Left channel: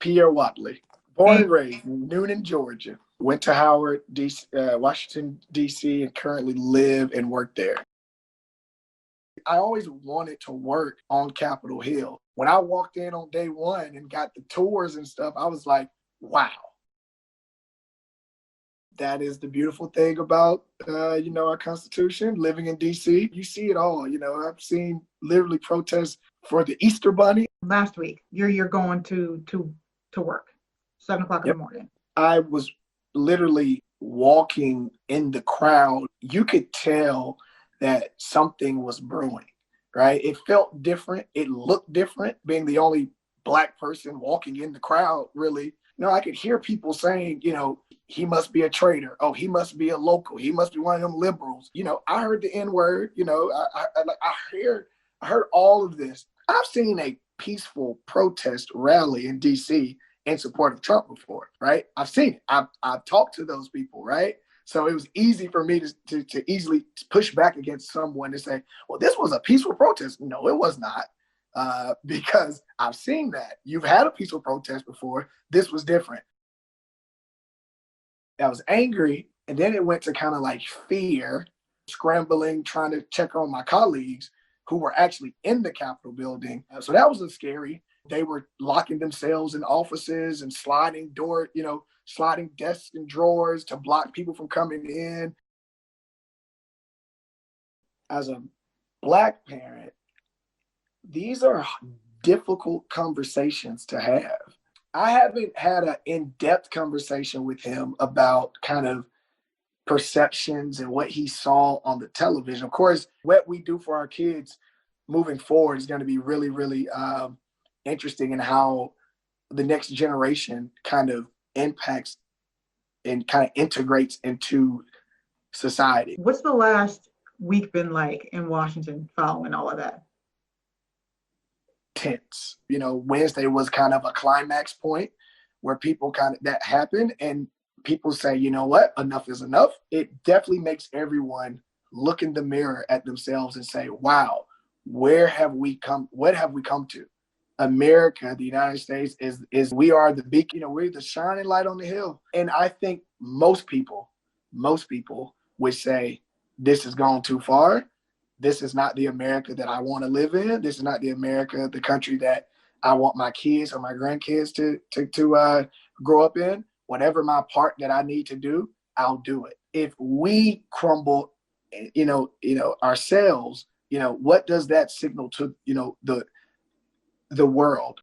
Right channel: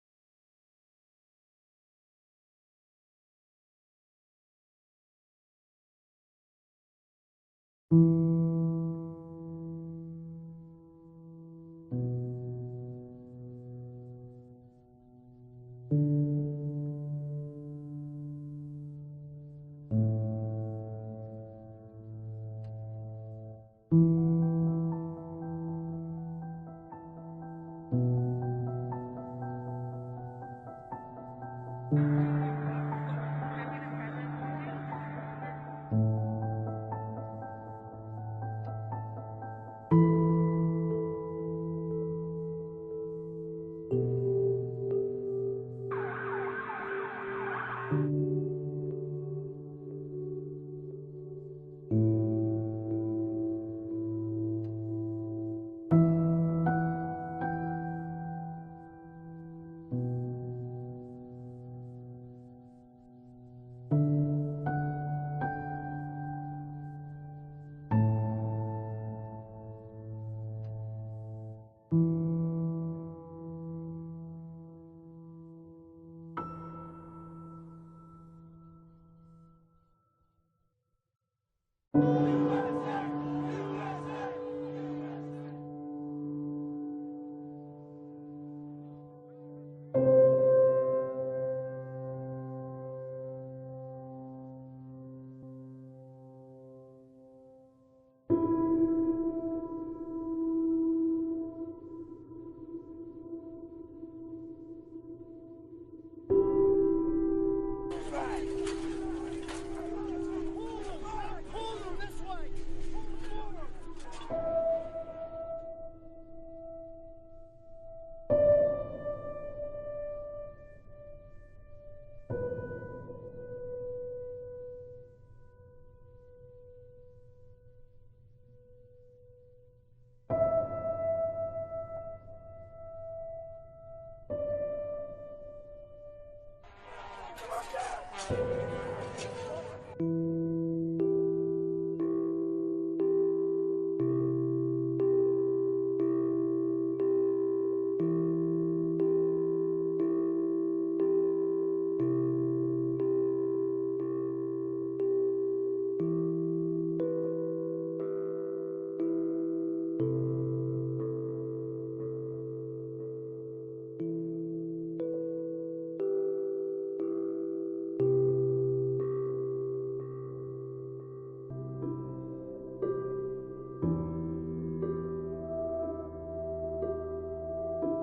Pierre Whatley, born And and raised in Noonan, Georgia. Went to Howard, DC, Washington, D.C., and currently live and work there. I always wanted to work on Capitol Hill. When I walked in on day one and got the tours and stuff, I was like, wow. That is the beautiful thing about, our Constitution, living in D.C. You see it all. I've seen literally protests for the Easter Bunny. last week, you're going to work, 7 o'clock in Yep. the morning. I was literally walking in the crowd. You could tell that something was brewing, right? It felt different. It looked different, being the only Black person walking in the crowd, really. I could hear people saying, he must be a traitor. Oh, he must be a local. He must be one of them liberals. I heard the N-word. I heard all of this. I've seen a peaceful protest rally in D.C. in support of Trump before, right? I've seen it. I've talked to those people, right? So it was easy for me to easily push back against someone and say, well, this was a peaceful protest. No, it was not. Because I've seen that. You've had a peaceful protest before. This was different. I was angry, and then it went to kind of like fear, scrambling, trying to check on my colleagues who were actually in the Capitol building. So that was scary. They were locking themselves in offices and sliding desks and drawers to block people from coming in. As a Black parent, these are difficult conversations to have. I haven't had an in-depth conversation with him about kind of perceptions and what he saw on the television. Of course, what we do for our kids moving forward is going to be really, really interesting in how the next generation kind of impacts and kind of integrates into society. What's the last week been like in Washington following all of that? Tense. Wednesday was kind of a climax point where that happened, and people say, you know what, enough is enough. It definitely makes everyone look in the mirror at themselves and say, wow, where have we come? What have we come to? America, the United States, is we are the beacon. We're the shining light on the hill. And I think most people would say this has gone too far. This is not the America that I want to live in. This is not the America, the country that I want my kids or my grandkids to grow up in. Whatever my part that I need to do, I'll do it. If we crumble, ourselves, what does that signal to, the world?